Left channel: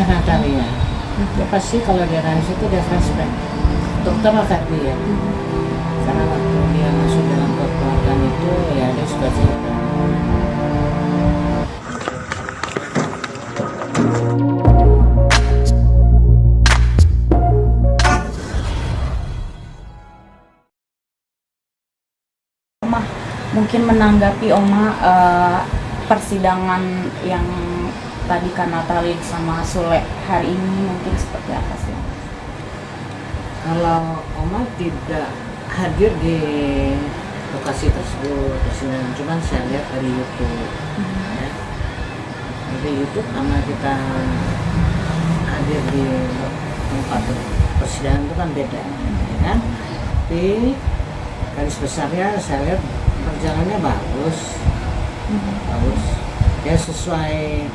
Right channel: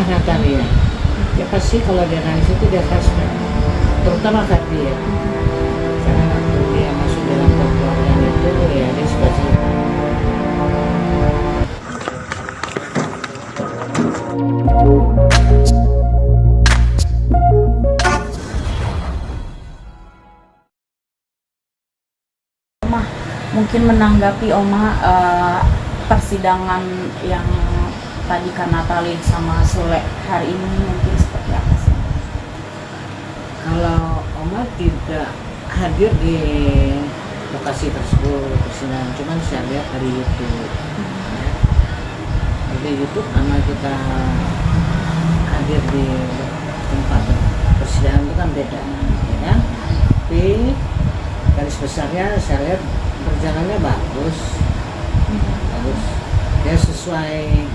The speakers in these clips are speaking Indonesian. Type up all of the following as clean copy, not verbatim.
marah Natalia. Ya pasti kalau dia nangis itu dia flashback, terutama Ferdi ya. Karena waktu dia masuk dalam kekeluargaan itu ya dia suka cerita. Oma, mungkin menanggapi Oma persidangan yang tadi Kak Natali sama Sule hari ini mungkin seperti apa sih? Kalau Oma tidak hadir di lokasi tersebut persidangan, cuman saya lihat dari YouTube. Ya. Dari YouTube karena kita hadir di tempat persidangan itu kan beda, ya kan? Tapi garis besarnya saya lihat perjalanannya bagus, bagus. Ya sesuai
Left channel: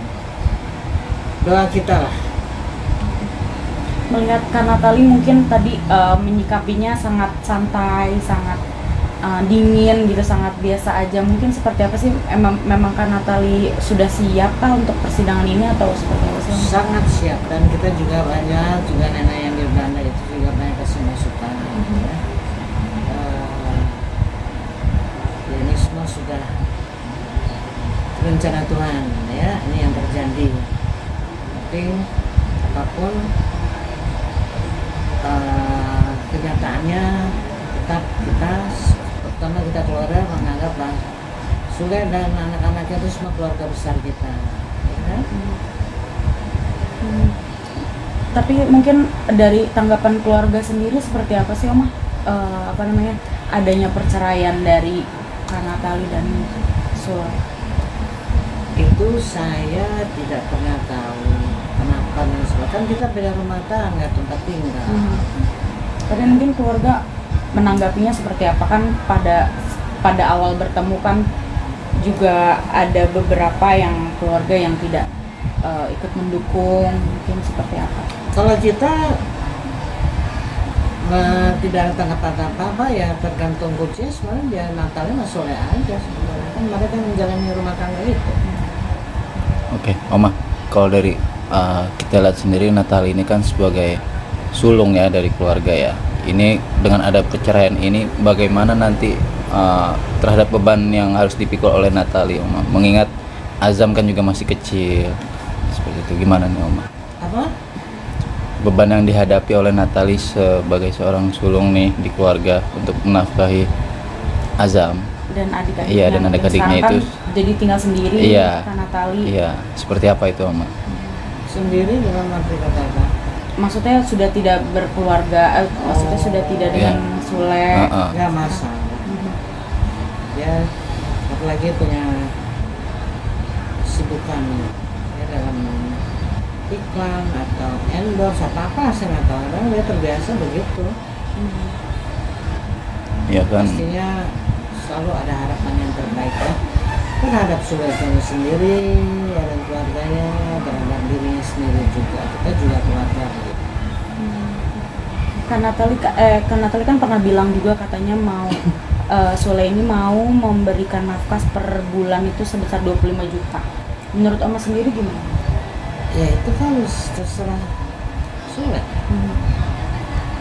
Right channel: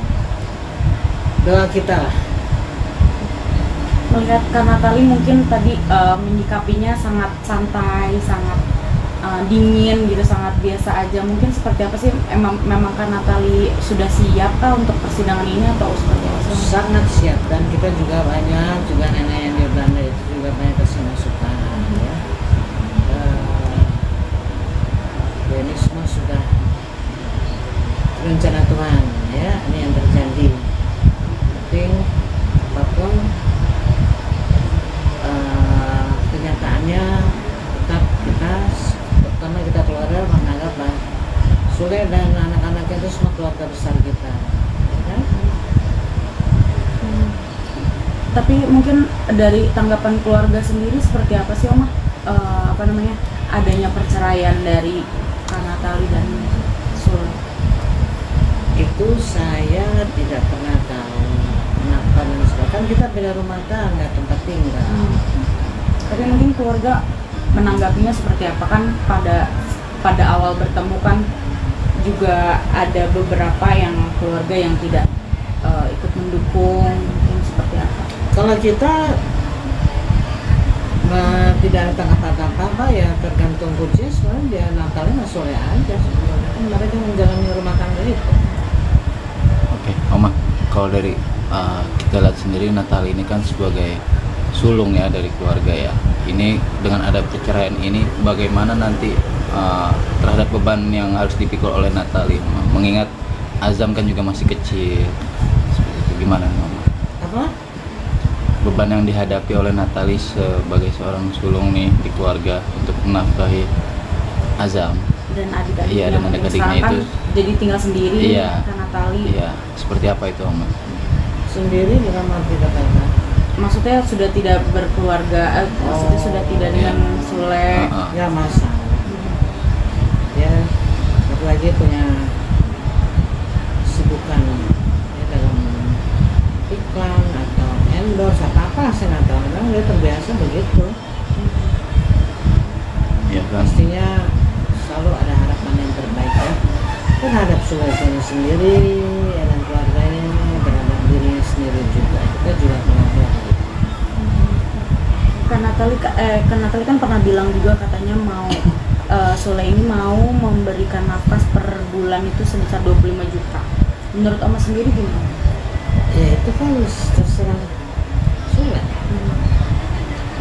doa kita lah. Melihat Kak Natali mungkin tadi menyikapinya sangat santai, sangat dingin gitu, sangat biasa aja. Mungkin seperti apa sih? Memang Kak Natali sudah siap kah untuk persidangan ini atau seperti apa? Sangat siap, dan kita juga banyak juga nenek yang di Belanda itu juga banyak kasih masukan. Ya ini semua sudah rencana Tuhan ya, ini yang terjadi. Penting apapun kenyataannya tetap kita pertama kita keluarga menganggap Bang Sule dan anak-anaknya itu semua keluarga besar kita, ya kan? Tapi mungkin dari tanggapan keluarga sendiri seperti apa sih Oma? Adanya perceraian dari Kak Natali dan Sule? Itu saya tidak pernah tahu kenapa dan sebagainya. Kan kita beda rumah tangga, tempat tinggal. Tapi mungkin keluarga menanggapinya seperti apa? Kan pada awal bertemu kan juga ada beberapa yang keluarga yang tidak ikut mendukung, mungkin seperti apa? Kalau kita tidak ada tanggapan apa-apa ya tergantung kuncinya, sebenarnya dia Natalnya mas Sule aja sebenarnya. Kan mereka menjalani rumah tangga itu. Oke, Oma, kalau dari kita lihat sendiri Natali ini kan sebagai sulung ya dari keluarga ya. Ini dengan ada perceraian ini bagaimana nanti terhadap beban yang harus dipikul oleh Natali, Oma? Mengingat Azam kan juga masih kecil. Seperti itu gimana nih, Oma? Apa? Beban yang dihadapi oleh Natali sebagai seorang sulung nih di keluarga untuk menafkahi Azam Dan adik-adiknya. Iya, dan adik-adiknya sekarang itu kan jadi tinggal sendiri. Iya. Kak Natali. Iya, seperti apa itu, Oma? Sendiri dalam arti kata apa? Maksudnya sudah tidak berkeluarga, maksudnya sudah tidak dengan Sule. Ya masa. Ya apalagi punya sibukan ya dalam iklan atau endorse apa saya nggak tahu, orang dia terbiasa begitu. Ya kan. Pastinya selalu ada harapan yang terbaik ya terhadap saudaranya sendiri ya, dan keluarganya, terhadap dirinya sendiri juga. Kita juga keluarga begitu. Kak Natali kan pernah bilang juga katanya mau Sule ini mau memberikan nafas per bulan itu sebesar 25 juta. Menurut Oma sendiri gimana? Ya itu kan terserah Sule.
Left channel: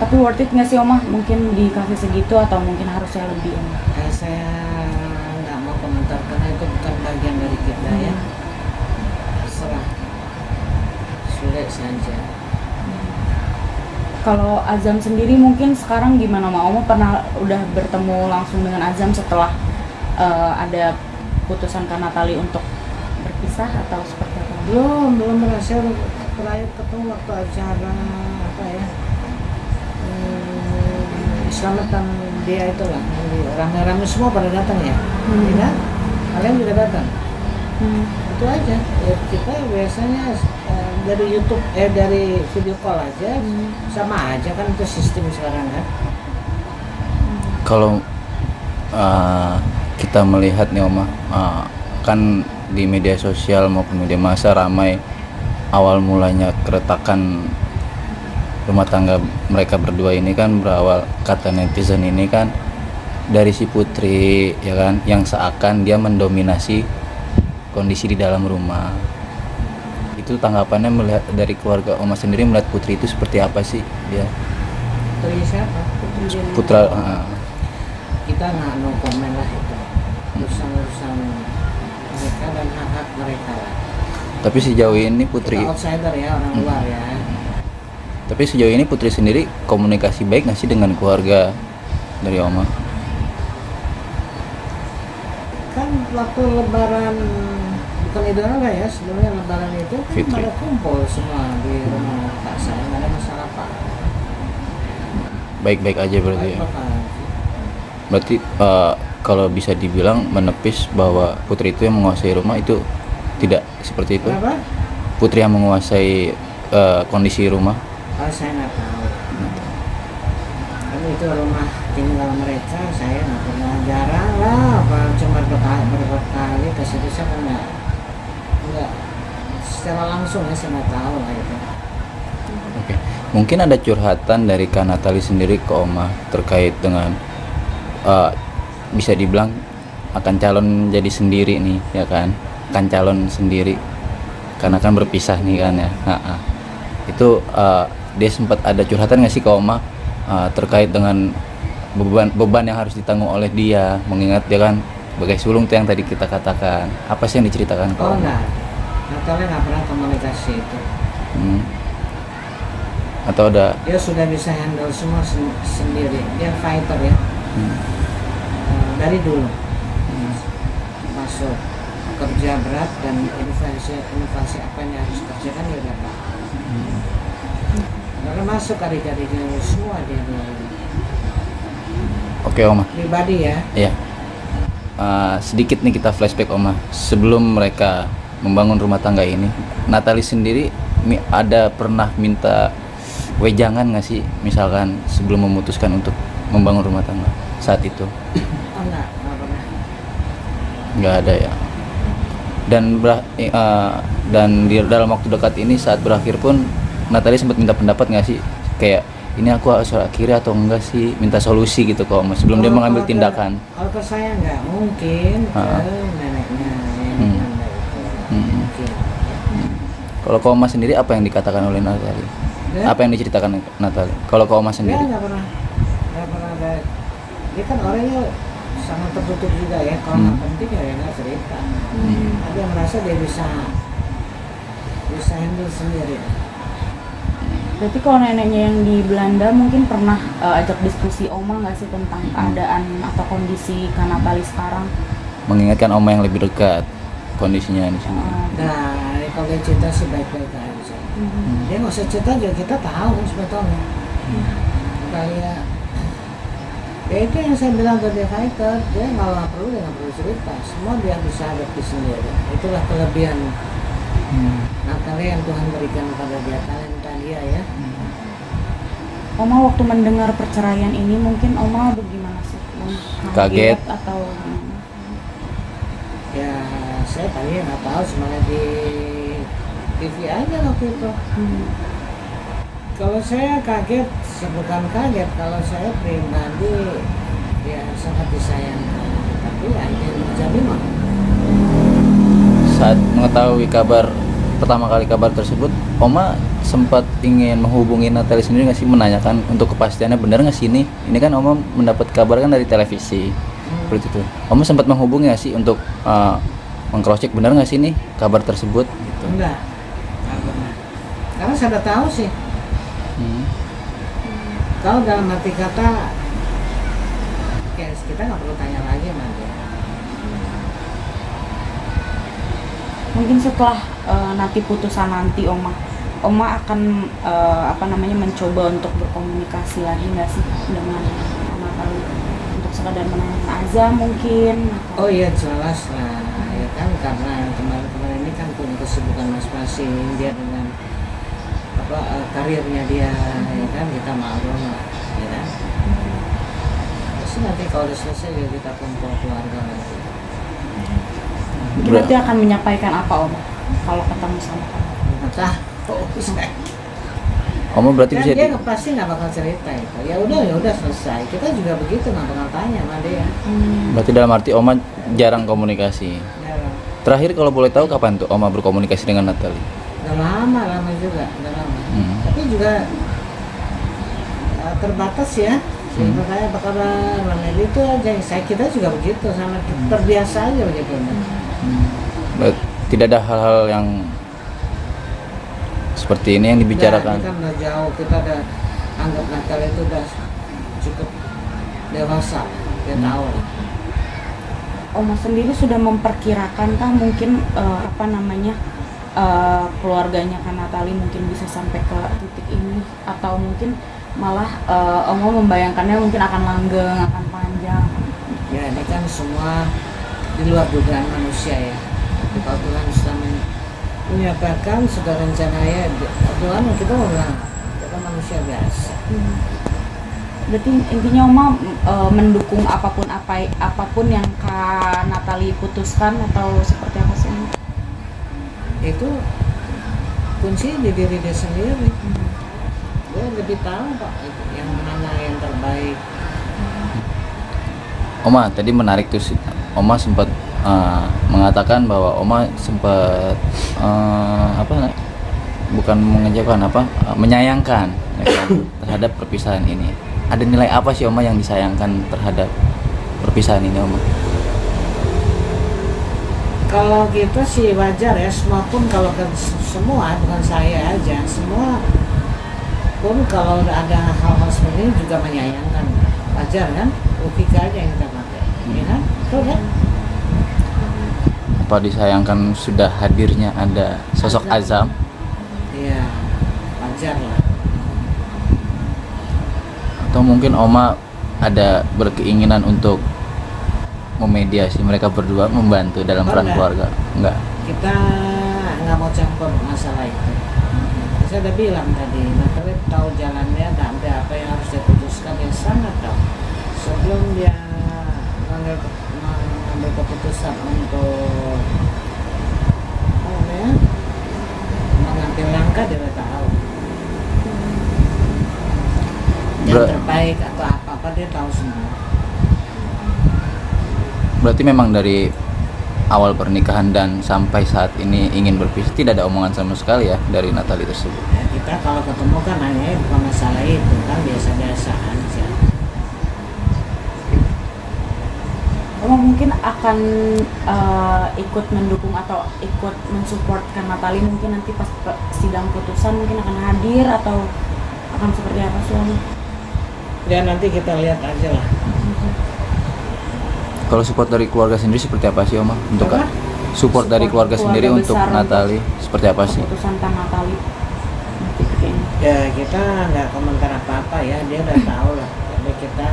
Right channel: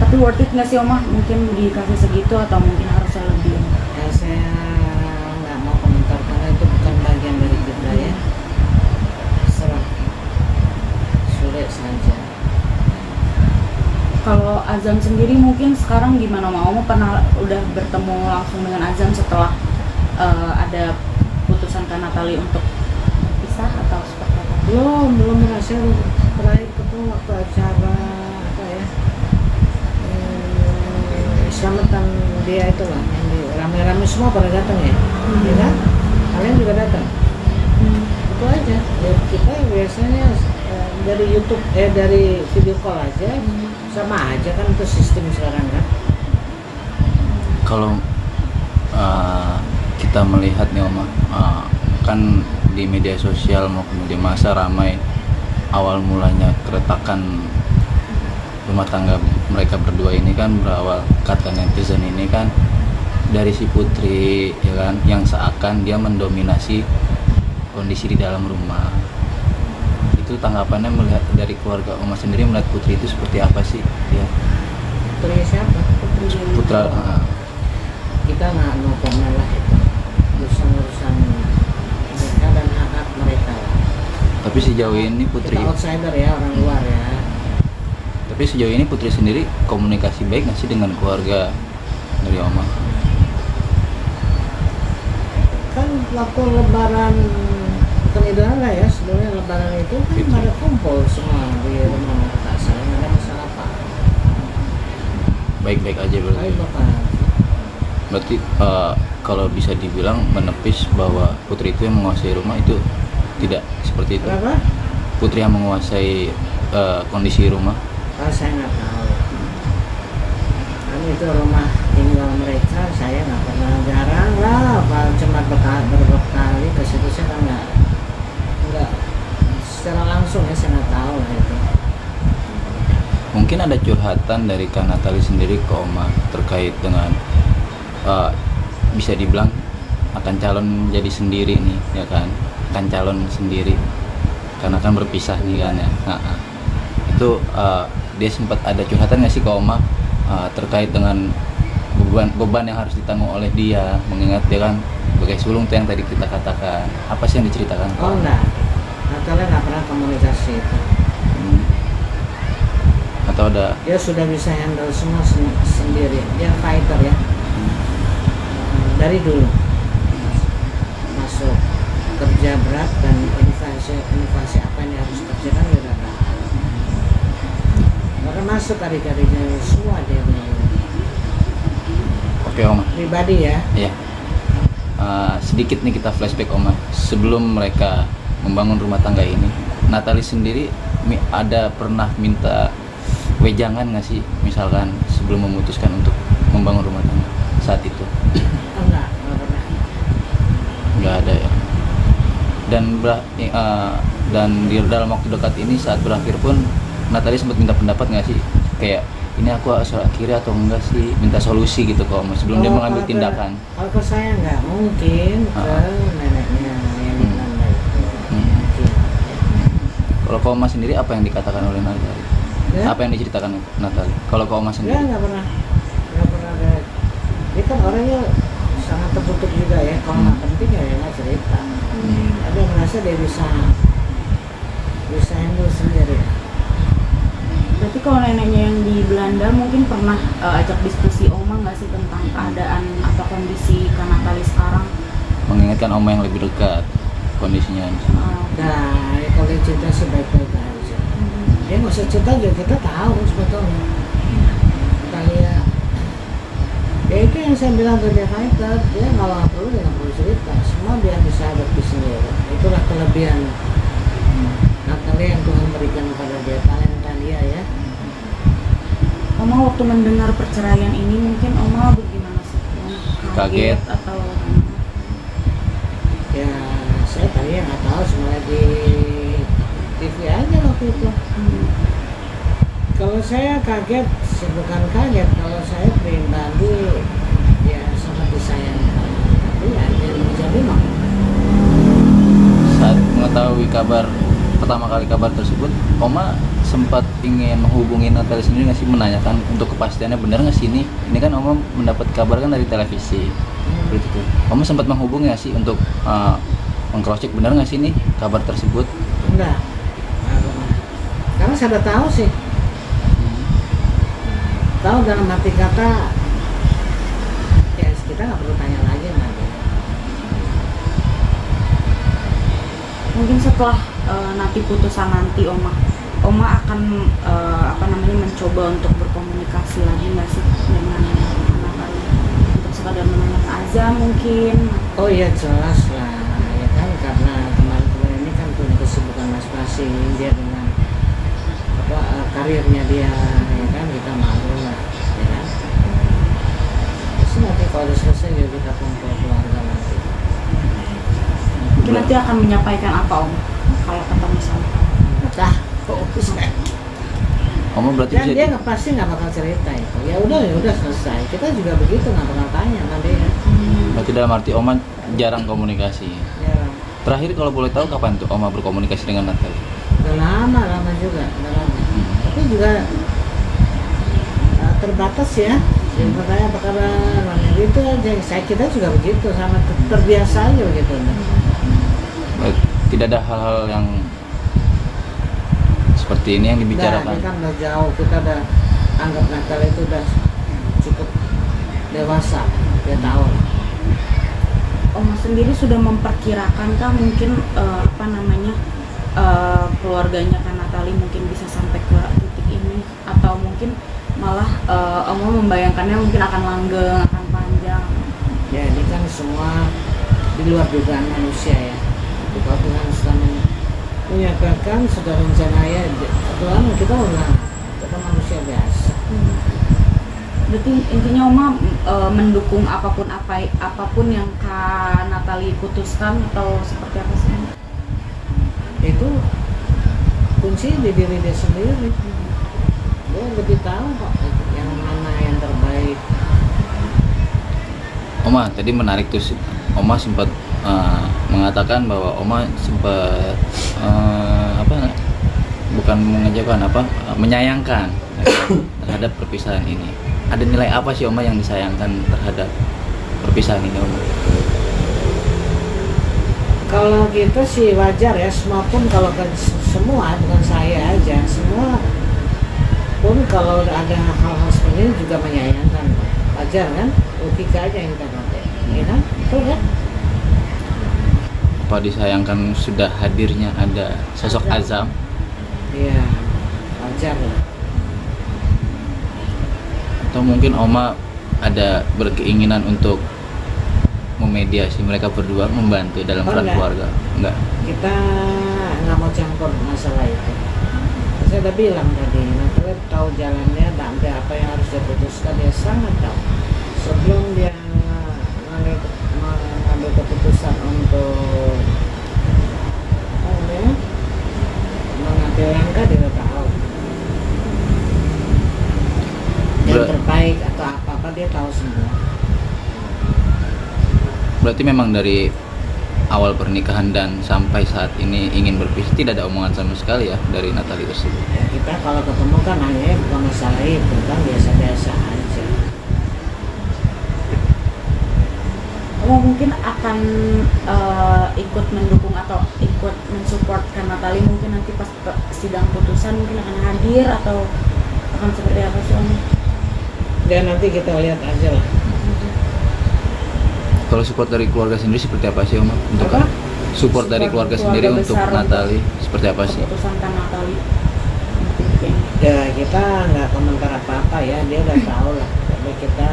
Tapi worth it nggak sih Oma? Mungkin dikasih segitu atau mungkin harusnya lebih? Ya, saya nggak mau komentar karena itu bukan bagian dari kita ya. Terserah Sule saja. Kalau Azam sendiri mungkin sekarang gimana Oma? Pernah udah bertemu langsung dengan Azam setelah ada putusan Kak Natali untuk berpisah atau seperti apa? Belum berhasil. Terakhir ketemu waktu acara apa ya, selamatan dia itu lah yang rame-rame semua pada datang ya, ya kan? Kalian juga datang. Itu aja ya, kita biasanya dari YouTube dari video call aja, sama aja kan, itu sistem sekarang kan. Kalau kita melihat nih Oma, kan di media sosial maupun media massa ramai awal mulanya keretakan rumah tangga mereka berdua ini kan berawal, kata netizen ini kan dari si Putri ya kan, yang seakan dia mendominasi kondisi di dalam rumah. Itu itu tanggapannya melihat dari keluarga Oma sendiri melihat Putri itu seperti apa sih dia? Putri siapa? Putra Kita nggak no komen lah itu. Urusan mereka dan hak-hak mereka lah. tapi sejauh ini Putri Kita outsider ya, orang luar ya. tapi sejauh ini Putri sendiri komunikasi baik nggak sih dengan keluarga dari Oma? Kan waktu lebaran, bukan Idul Adha ya, sebelumnya lebaran itu kan Fitri. pada kumpul semua di rumah kakak saya, nggak ada masalah apa. Baik-baik aja berarti Baik ya? bapak. Berarti kalau bisa dibilang menepis bahwa Putri itu yang menguasai rumah itu tidak seperti itu? Berapa? Putri yang menguasai kondisi rumah? Oh, saya nggak tahu. Kan itu rumah tinggal mereka, saya nggak pernah, jarang lah, apa cuma beberapa kali ke situ, saya kan nggak secara langsung ya, saya nggak tahu lah itu. Oke. Mungkin ada curhatan dari Kak Natali sendiri ke Oma terkait dengan bisa dibilang akan calon jadi sendiri nih ya kan, akan calon sendiri karena kan berpisah nih kan ya. Itu dia sempat ada curhatan nggak sih ke Oma terkait dengan beban yang harus ditanggung oleh dia, mengingat dia kan sebagai sulung tuh yang tadi kita katakan. Apa sih yang diceritakan ke Oh Oma? enggak, Natalnya nggak pernah komunikasi itu. Hmm. Atau ada Dia sudah bisa handle semua sendiri, dia fighter ya. Dari dulu masuk kerja berat dan inovasi apa yang harus kerjakan dia udah tahu. Baru masuk adik-adiknya semua dia bilang. Oke Oma. Pribadi ya. Ya, sedikit nih kita flashback Oma. Sebelum mereka membangun rumah tangga ini, Natali sendiri ada pernah minta wejangan nggak sih, misalkan sebelum memutuskan untuk membangun rumah tangga saat itu? Oh enggak pernah. Nggak ada ya. Dan di dalam waktu dekat ini saat berakhir pun Natali sempat minta pendapat nggak sih, kayak ini aku harus akhiri atau enggak sih, minta solusi gitu kok Oma sebelum dia mengambil tindakan. Kalau ke saya nggak mungkin ke neneknya yang di Belanda itu. Mungkin. Ya. Kalau ke Oma sendiri apa yang dikatakan oleh Natali? Ya? Apa yang diceritakan Natali? Kalau ke Oma Dia sendiri? nggak pernah ada. Dia kan orangnya sangat tertutup juga ya. Kalau nggak penting ya nggak cerita. Dia merasa dia bisa handle sendiri. Berarti kalau neneknya yang di Belanda mungkin pernah ajak diskusi Oma nggak sih tentang keadaan atau kondisi Kak Natali sekarang? Mengingatkan Oma yang lebih dekat kondisinya di sini. Nah, ya kalau dia cerita sih baik-baik aja. Dia nggak usah cerita juga, kita tahu sebetulnya. Kita lihat. Ya itu yang saya bilang ke dia fighter, dia kalau nggak perlu dia nggak perlu cerita, semua dia bisa hadapi sendiri. Itulah kelebihan Natali yang Tuhan berikan kepada dia, talenta dia ya. Oma waktu mendengar perceraian ini mungkin Oma bagaimana sih? Kaget. Atau Ya saya tadi nggak tahu, semuanya di TV aja waktu itu. Kalau saya kaget, bukan kaget, kalau saya pribadi ya sangat disayangkan, tapi ya ini yang terjadi mah. Saat mengetahui pertama kali kabar tersebut, Oma sempat ingin menghubungi Natali sendiri nggak sih, menanyakan untuk kepastiannya benar nggak sih ini? Ini kan Oma mendapat kabar kan dari televisi, seperti itu. Oma sempat menghubungi nggak sih untuk meng-cross check benar nggak sih ini kabar tersebut? Enggak, karena saya udah tahu sih. Tahu dalam hati kata, ya kita nggak perlu tanya lagi sama dia. mungkin setelah nanti putusan nanti Oma akan mencoba untuk berkomunikasi lagi nggak sih dengan Natali untuk sekadar menanyakan Azam mungkin? Oh iya jelas lah, ya kan, karena kemarin ini kan punya kesibukan masing-masing, dia dengan karirnya dia, ya kan, kita maklum lah, ya kan. Pasti nanti kalau udah selesai juga kita kumpul keluarga nanti. Nanti akan menyampaikan apa Om kalau ketemu sama? Entah, saya. Oma berarti Dan bisa dia pasti nggak bakal cerita itu. Ya udah selesai. Kita juga begitu, nggak bakal tanya sama dia. berarti dalam arti Oma jarang komunikasi. Ya, Terakhir kalau boleh tahu kapan tuh Oma berkomunikasi dengan Natali? Udah lama juga, udah lama. Tapi juga terbatas ya. Sebenarnya apakah itu aja, kita juga begitu, sama terbiasa aja begitu. Tidak ada hal-hal yang seperti ini yang dibicarakan. Nah, ini kan udah jauh, kita udah anggap Natal itu udah cukup dewasa, dia tahu lah. Oma sendiri sudah memperkirakan kah mungkin keluarganya Kak Natali mungkin bisa sampai ke titik ini, atau mungkin malah Oma membayangkannya mungkin akan langgeng, akan panjang? Ya ini kan semua di luar dugaan manusia ya. Tapi kalau Tuhan selama menyatakan sudah rencana ya, Tuhan kita mau bilang kita manusia biasa. Berarti intinya Oma mendukung apapun yang Kak Natali putuskan, atau seperti apa sih? Itu kunci di diri dia sendiri. Dia lebih tahu Pak yang mana yang terbaik. Oma tadi menarik tuh, Oma sempat mengatakan bahwa Oma sempat bukan mengejakan menyayangkan terhadap perpisahan ini. Ada nilai apa sih Oma yang disayangkan terhadap perpisahan ini, Oma? Kalau gitu sih wajar ya, semua pun kalau semua, bukan saya aja, semua pun kalau udah ada hal-hal seperti ini juga menyayangkan, wajar kan? Logika aja yang kita pakai, ya kan? Betul kan? Apa disayangkan sudah hadirnya ada sosok Azam? Iya, wajar lah. Atau mungkin Oma ada berkeinginan untuk memediasi mereka berdua, membantu dalam peran keluarga? Enggak. Kita nggak mau campur masalah itu. Saya udah bilang tadi, Natali tahu jalannya, dan ada apa yang harus dia putuskan, dia sangat tahu. Sebelum dia mengambil keputusan untuk mengambil langkah, dia udah tahu yang terbaik atau apa dia tahu semua. Berarti memang dari awal pernikahan dan sampai saat ini ingin berpisah, tidak ada omongan sama sekali ya dari Natali tersebut? Ya, kita kalau ketemu kan hanya bukan masalah itu kan, biasa-biasa aja. Oh, mungkin akan ikut mendukung atau ikut mensupport Kak Natali mungkin nanti pas sidang putusan, mungkin akan hadir atau akan seperti apa sih? Ya nanti kita lihat aja lah. Kalau support dari keluarga sendiri seperti apa sih, Oma? Untuk Apa? Support dari keluarga sendiri untuk Natali seperti apa sih? Keputusan Kak Natali. Ya kita nggak komentar apa-apa ya, dia udah tahu lah. Tapi kita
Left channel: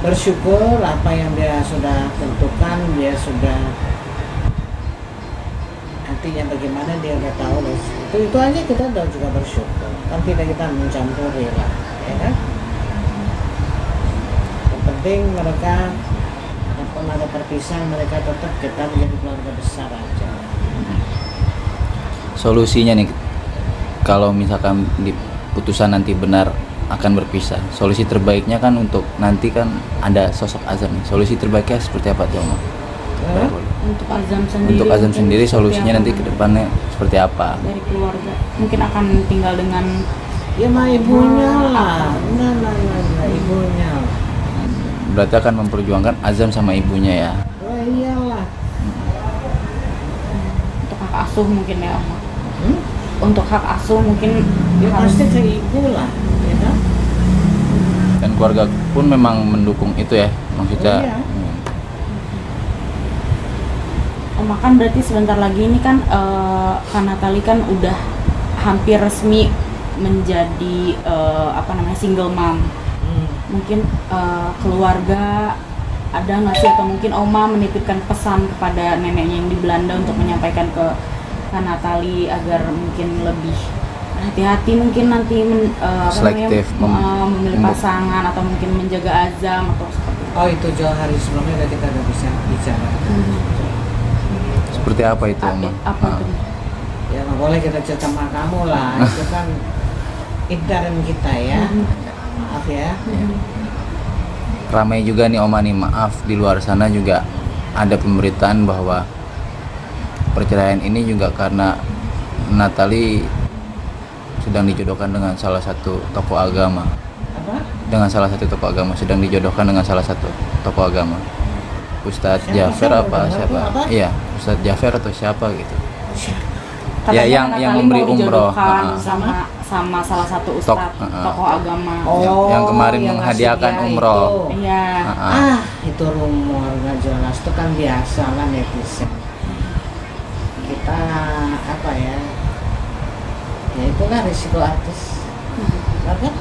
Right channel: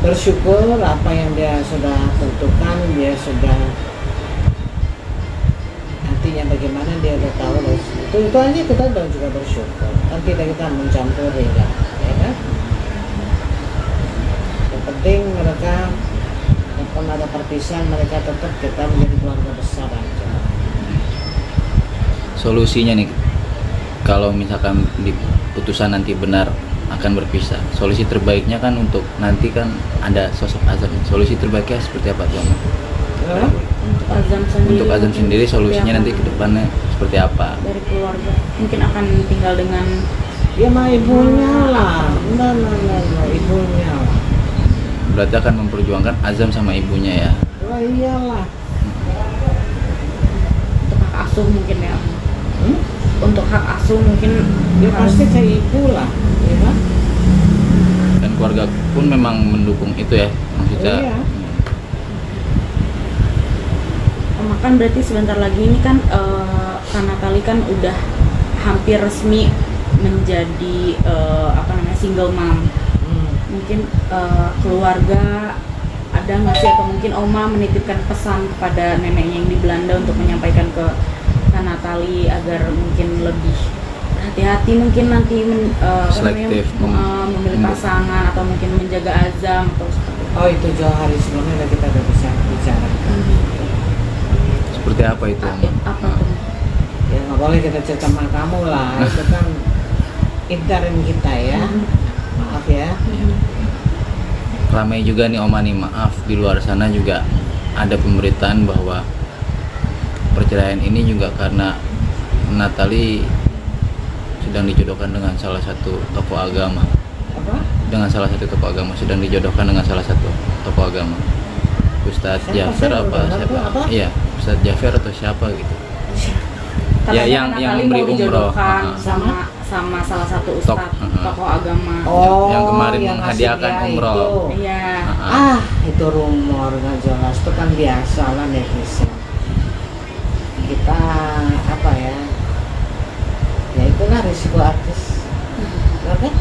bersyukur apa yang dia sudah tentukan, dia sudah nantinya bagaimana dia udah tahu. Itu aja kita udah juga bersyukur. Kan kita mencampuri lah, ya kan? Yang penting mereka walaupun ada perpisahan, mereka tetap kita menjadi keluarga besar aja. Solusinya nih, kalau misalkan di putusan nanti benar akan berpisah, solusi terbaiknya kan untuk nanti kan ada sosok Azam. Solusi terbaiknya seperti apa tuh, Oma? Untuk Azam sendiri solusinya nanti ke depannya seperti apa? Dari keluarga mungkin akan tinggal dengan Ya sama ibunya lah, nah, ibunya. Berarti akan memperjuangkan Azam sama ibunya ya? Oh iyalah. untuk hak asuh mungkin ya, Om. Untuk hak asuh mungkin Ya pasti ke ibu lah, ya kan? Dan keluarga pun memang mendukung itu ya, maksudnya. Iya. Kan berarti sebentar lagi ini kan Kak Natali kan udah hampir resmi menjadi single mom. Mungkin keluarga ada nggak sih, atau mungkin Oma menitipkan pesan kepada neneknya yang di Belanda untuk menyampaikan ke Kak Natali agar mungkin lebih hati-hati mungkin nanti Selektif memilih pasangan atau mungkin menjaga Azam atau seperti itu. Oh itu jauh hari sebelumnya kita udah bisa bicara. Seperti apa itu, Oma? Apa tuh? Ya nggak boleh kita cerita sama kamu lah, itu kan intern kita ya. Maaf ya. Ramai juga nih, Oma nih, maaf, di luar sana juga ada pemberitaan bahwa perceraian ini juga karena Natali sedang dijodohkan dengan salah satu tokoh agama. Apa? Dengan salah satu tokoh agama, sedang dijodohkan dengan salah satu tokoh agama. Ustadz Siapa? Jafar Saya apa baru dengar siapa? tuh, apa? Iya, Ustadz Jafar atau siapa gitu. Katanya yang Natali memberi mau umroh, dijodohkan sama? sama salah satu ustadz tokoh agama. Oh, Yang kemarin yang menghadiahkan ngasih dia umroh. itu. Iya. Itu rumor nggak jelas, itu kan biasa lah netizen. Kita apa ya? Ya itulah risiko artis. Kan?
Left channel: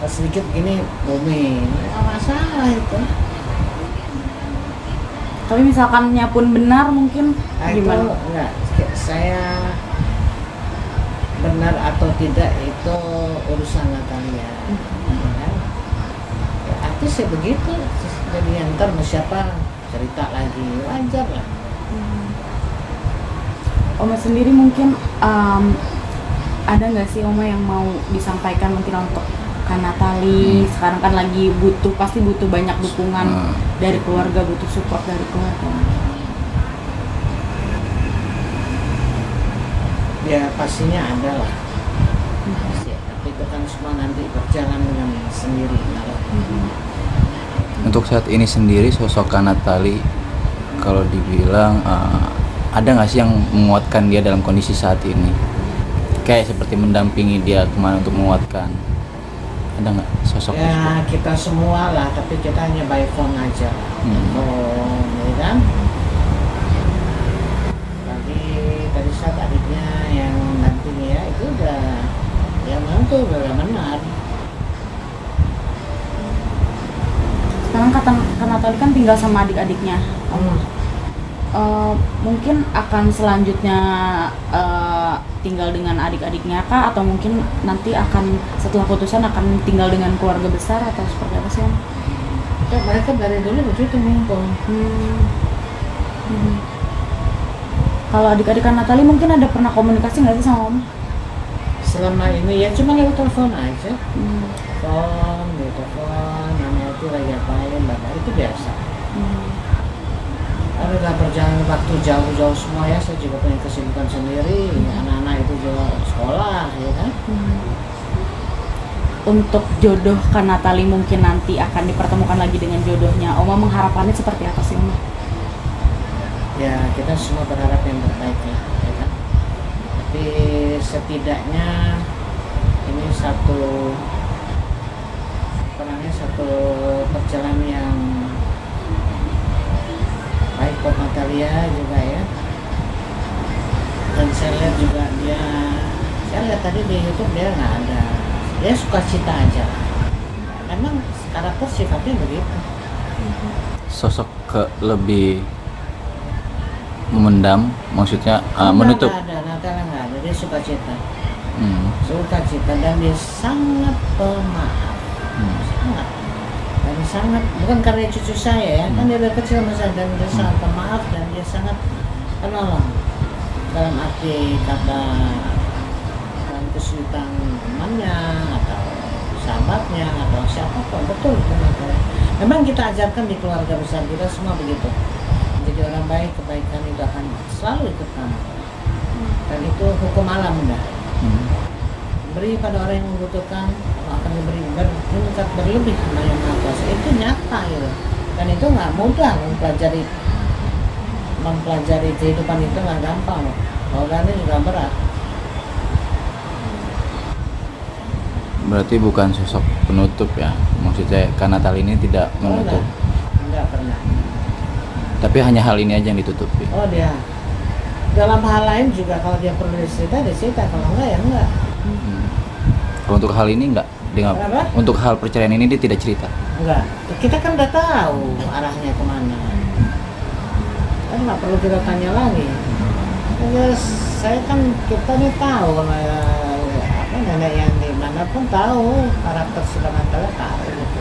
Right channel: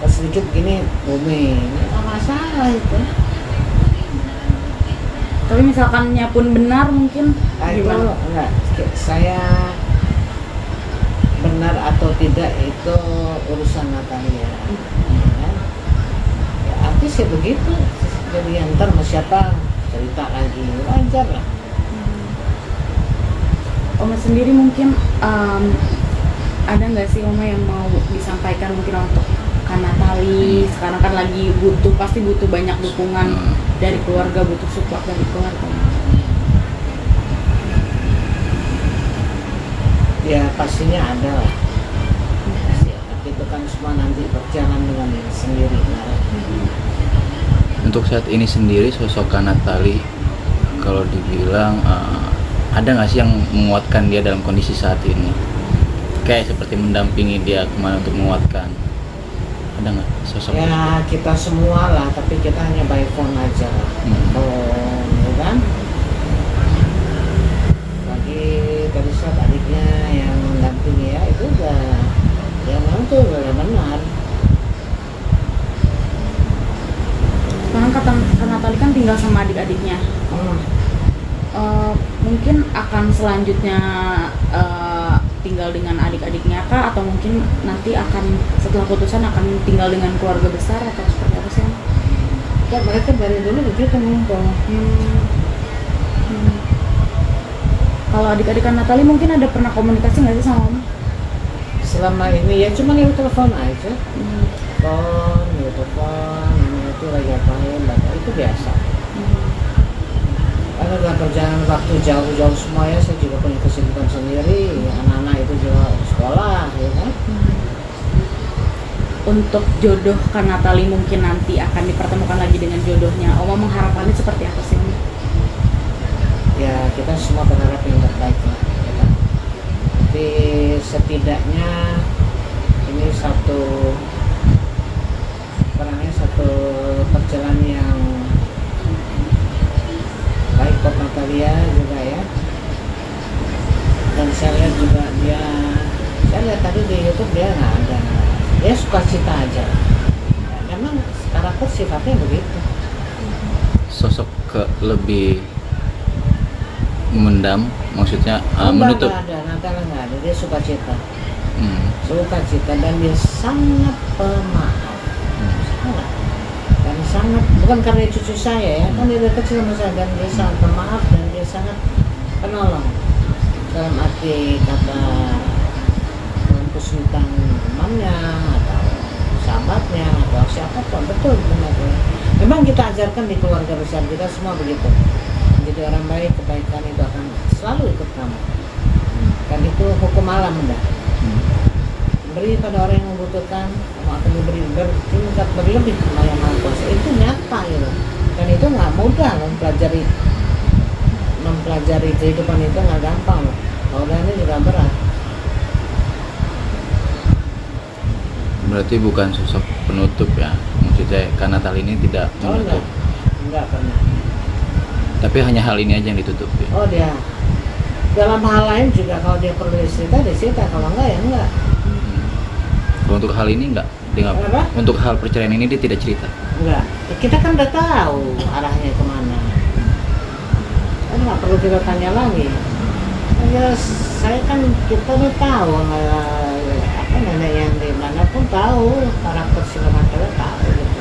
Pas sedikit gini booming, nggak masalah itu. Tapi misalkannya pun benar mungkin Itu gimana? enggak, saya benar atau tidak itu urusan Natalia. Ya. Ya, artis ya begitu. Jadi yang ntar mau siapa cerita lagi wajar lah. Oma sendiri mungkin ada nggak sih Oma yang mau disampaikan mungkin untuk Kak Natali? Sekarang kan lagi pasti butuh banyak dukungan dari keluarga, butuh support dari keluarga. Ya pastinya ada lah. Pasti, tapi itu kan semua nanti berjalan dengan sendirinya lah. Untuk saat ini sendiri sosok Kak Natali kalau dibilang ada nggak sih yang menguatkan dia dalam kondisi saat ini? Kayak seperti mendampingi dia kemana untuk menguatkan. Ada nggak sosok? Ya kita semua lah, tapi kita hanya by phone aja lah. Phone, ya kan? Bagi tadi saat adiknya yang mendampingi ya itu udah ya mantu udah benar. Sekarang Kak Natali kan tinggal sama adik-adiknya. Mungkin akan selanjutnya tinggal dengan adik-adiknya kah, atau mungkin nanti akan setelah putusan akan tinggal dengan keluarga besar atau seperti apa sih? Ya, mereka dari dulu begitu ngumpul. Kalau adik-adik Kak Natali mungkin ada pernah komunikasi nggak sih sama Om? Selama ini ya cuma lewat telepon aja. Telepon, mana itu lagi apain, bapak itu biasa. Ada dalam perjalanan waktu jauh-jauh semua ya, saya juga punya kesibukan sendiri, anak-anak itu juga sekolah, ya kan? Untuk jodoh Kak Natali mungkin nanti akan dipertemukan lagi dengan jodohnya, Oma mengharapkannya seperti apa sih? Ya kita semua berharap yang terbaik lah, ya kan? Tapi setidaknya ini satu perjalanan yang baik buat Natalia juga ya. Dan saya lihat juga saya lihat tadi di YouTube dia nggak ada, dia suka cita aja. Memang karakter sifatnya begitu. Sosok lebih memendam, maksudnya menutup. Natalia nggak ada, dia suka cita. Suka cita dan dia sangat pemaaf. Sangat bukan karena cucu saya ya, kan dia dari kecil sama saya, dan dia sangat pemaaf dan dia sangat penolong dalam arti kata, dalam kesulitan temannya atau sahabatnya atau siapapun. Betul benar. Memang kita ajarkan di keluarga besar kita semua begitu. Menjadi orang baik, kebaikan itu akan selalu ikut kamu. Dan itu hukum alam dah. Beri pada orang yang membutuhkan, akan diberi bertingkat berlebih sama yang Maha Kuasa. Itu nyata gitu. Dan itu nggak mudah mempelajari kehidupan itu, nggak gampang loh. Orangnya juga berat. Berarti bukan sosok penutup ya, maksudnya Kak Natali ini tidak menutup. Enggak pernah. Tapi hanya hal ini aja yang ditutup ya. Oh dia. Dalam hal lain juga kalau dia perlu cerita, dia cerita. Kalau enggak ya enggak. Untuk hal ini enggak, Kenapa? untuk hal perceraian ini dia tidak cerita. Enggak. Kita kan udah tahu arahnya kemana. Kan nggak perlu kita tanya lagi. Saya kan kita udah tahu, nenek yang di mana pun tahu karakter si Natalia tahu gitu.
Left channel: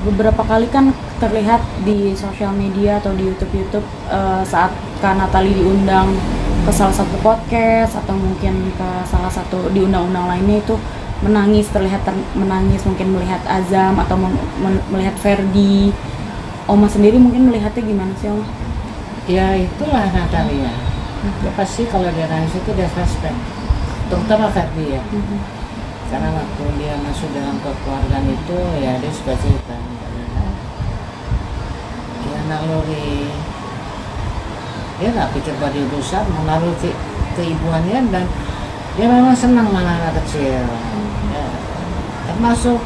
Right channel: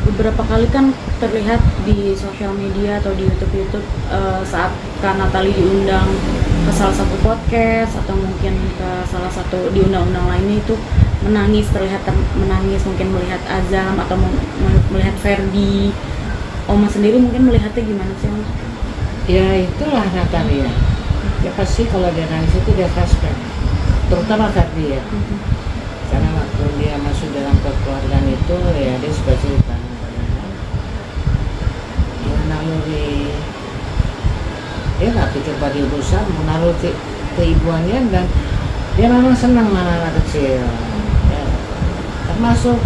Beberapa kali kan terlihat di sosial media atau di YouTube saat Kak Natali diundang ke salah satu podcast atau mungkin ke salah satu di undang-undang lainnya itu terlihat menangis, mungkin melihat Azam atau melihat Ferdi. Oma sendiri mungkin melihatnya gimana sih Oma? Ya itulah Natalia. Ya pasti kalau dia nangis itu dia flashback, terutama Ferdi ya. Karena waktu dia masuk dalam kekeluargaan itu ya dia suka cerita. Ya naluri, dia nggak pikir bahwa dia besar, menaruh keibuannya dan dia memang senang mana anak kecil. Ya, termasuk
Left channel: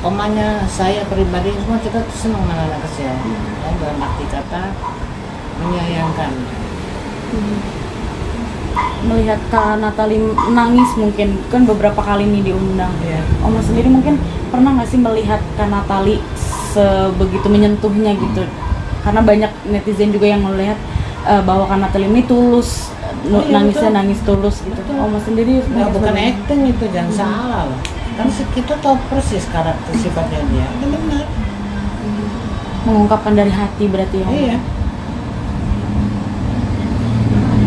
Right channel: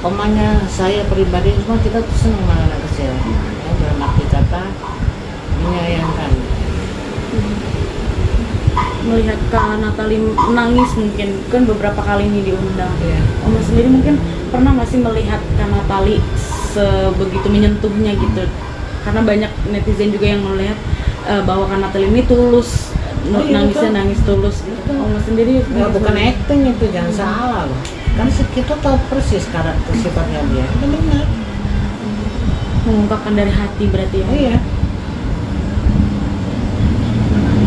omanya saya pribadi semua kita tuh senang mana anak kecil. Ya, dalam arti kata menyayangkan. Melihat Kak Natali nangis mungkin kan beberapa kali nih diundang. Ya. Oma sendiri mungkin pernah nggak sih melihat Kak Natali sebegitu menyentuhnya gitu? Karena banyak netizen juga yang melihat bahwa Kak Natali ini tulus, Oh, iya, nangisnya betul. nangis tulus gitu. Betul. Oma sendiri Ya, bukan acting itu, jangan salah loh. Kan kita tahu persis karakter sifatnya dia. Kan benar. mengungkapkan dari hati berarti. Iya.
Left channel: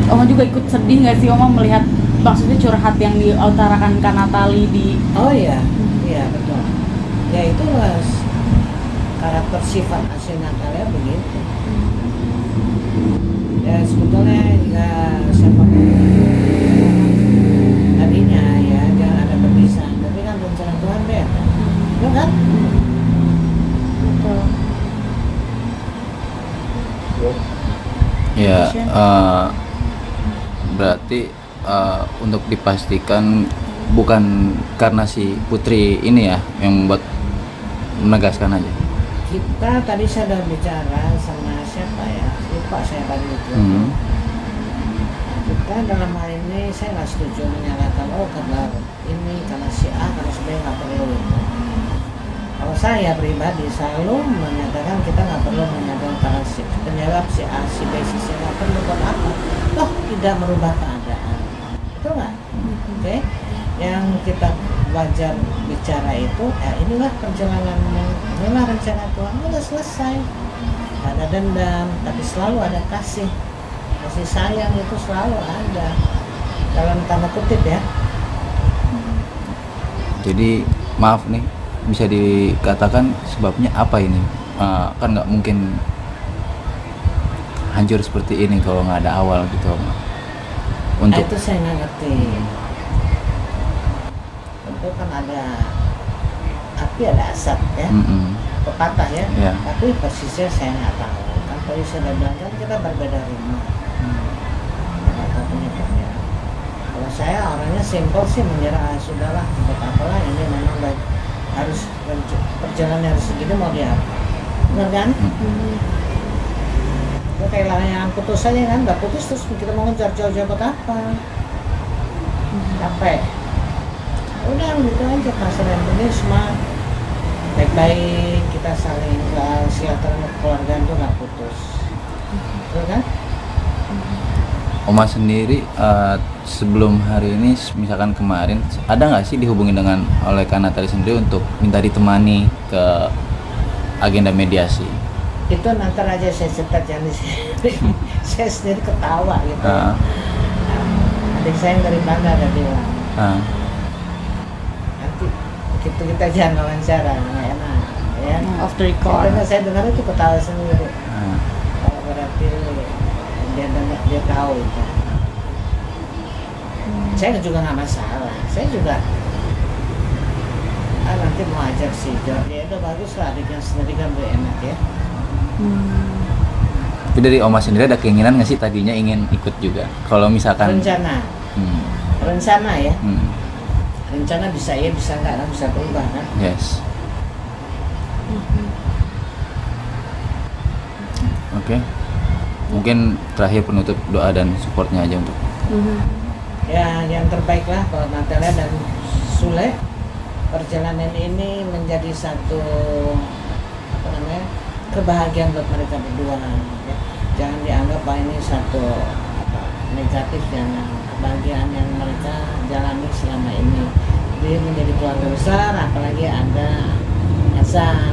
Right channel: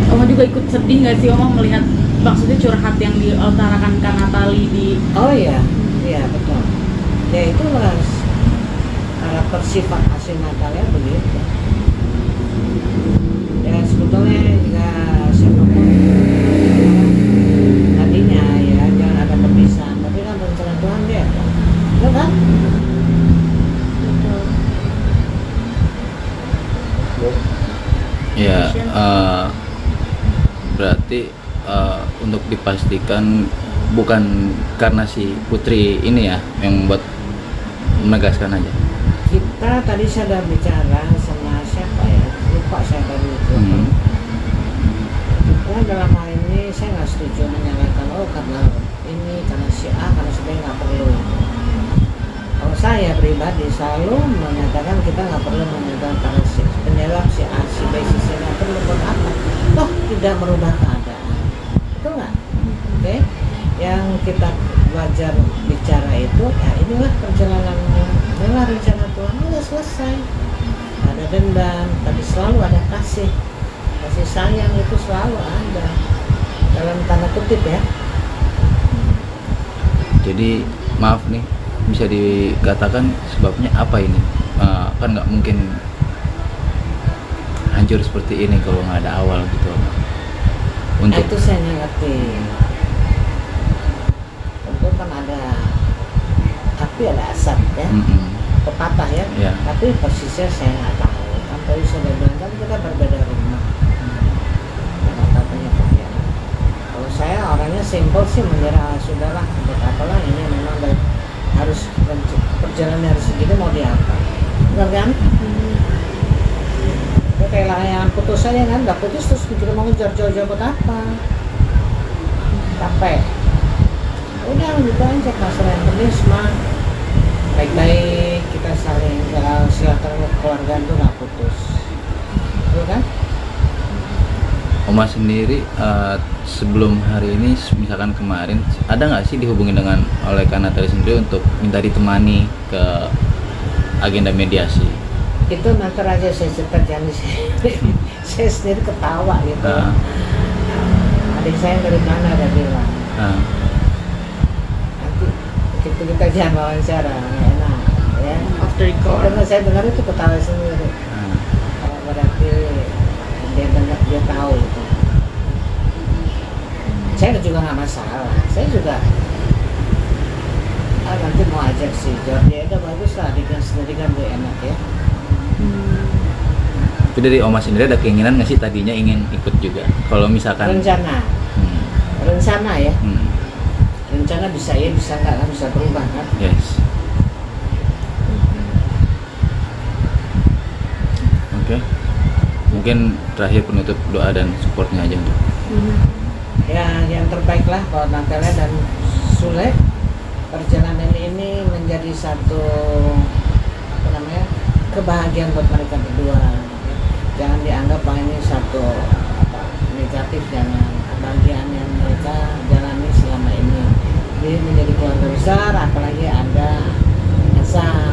Oma juga ikut sedih nggak sih Oma melihat maksudnya curhat yang diutarakan Kak Natali di Oh iya, iya betul. Ya itu karakter sifat asli Natalia begitu. Ya sebetulnya jika siapapun tadinya ya jangan ada perpisahan, tapi kan rencana Tuhan dia kan, betul kan? Ya, berarti untuk dipastikan bukan karena si Putri ini ya yang buat menegaskan aja. Kita tadi saya sudah bicara sama siapa ya, lupa saya tadi itu. Kita dalam hal ini saya nggak setuju menyalahkan karena ini karena si A karena si B nggak perlu itu. Kalau saya pribadi selalu menyatakan kita nggak perlu menyatakan karena penyebab si A, si B, si C nggak perlu buat apa? Toh tidak merubah keadaan, betul nggak? Oke, yang kita wajar bicara itu, ya inilah perjalananmu, inilah rencana Tuhan, udah selesai. Ada dendam, tapi selalu ada kasih sayang itu selalu ada dalam tanda kutip ya. Jadi maaf nih, bisa dikatakan sebabnya apa ini? Kan nggak mungkin hancur seperti ini kalau nggak ada awal gitu. Nah, itu saya nggak ngerti. Itu kan ada api ada asap ya, pepatah ya. Ya. Tapi persisnya saya nggak tahu. Kan tadi saya udah bilang kan kita berbeda rumah. Nggak tahu penyebabnya. Kalau saya orangnya simpel sih menyerah, sudahlah buat apalah ini memang baik, harus perjalanan harus segini mau diapa, benar kan? Ya, kayak lah yang putus saja kan, nggak putus terus kita mau ngejar jauh-jauh buat apa? Capek. Udah gitu aja, masalah yang penting semua baik-baik, kita saling silaturahmi keluarga itu nggak putus, betul kan? Oma sendiri sebelum hari ini, misalkan kemarin, ada nggak sih dihubungin dengan oleh Kak Natali sendiri untuk minta ditemani ke agenda mediasi? Itu nanti aja saya cerita jangan di sini. Saya sendiri ketawa gitu. Adik saya yang dari mana ada bilang. Nanti begitu kita jangan wawancara, nggak enak ya. off the record. Saya dengar itu ketawa sendiri. Oh, berarti dia benar, dia tahu itu. Saya juga nggak masalah. Saya juga nanti mau ajak si Jordi, itu bagus lah, adiknya sendiri kan lebih enak ya. Tapi dari Oma sendiri ada keinginan nggak sih tadinya ingin ikut juga? Kalau misalkan Rencana ya. Rencana bisa ya, bisa enggak kan, bisa berubah kan. Yes. Oke. Mungkin terakhir penutup doa dan supportnya aja untuk. Ya yang terbaik lah buat Natalia dan Sule. Perjalanan ini menjadi satu kebahagiaan buat mereka berdua ya. Jangan dianggap bahwa ini satu negatif, jangan. Kebahagiaan yang mereka jalani selama ini, dia menjadi keluarga besar, apalagi ada Elsa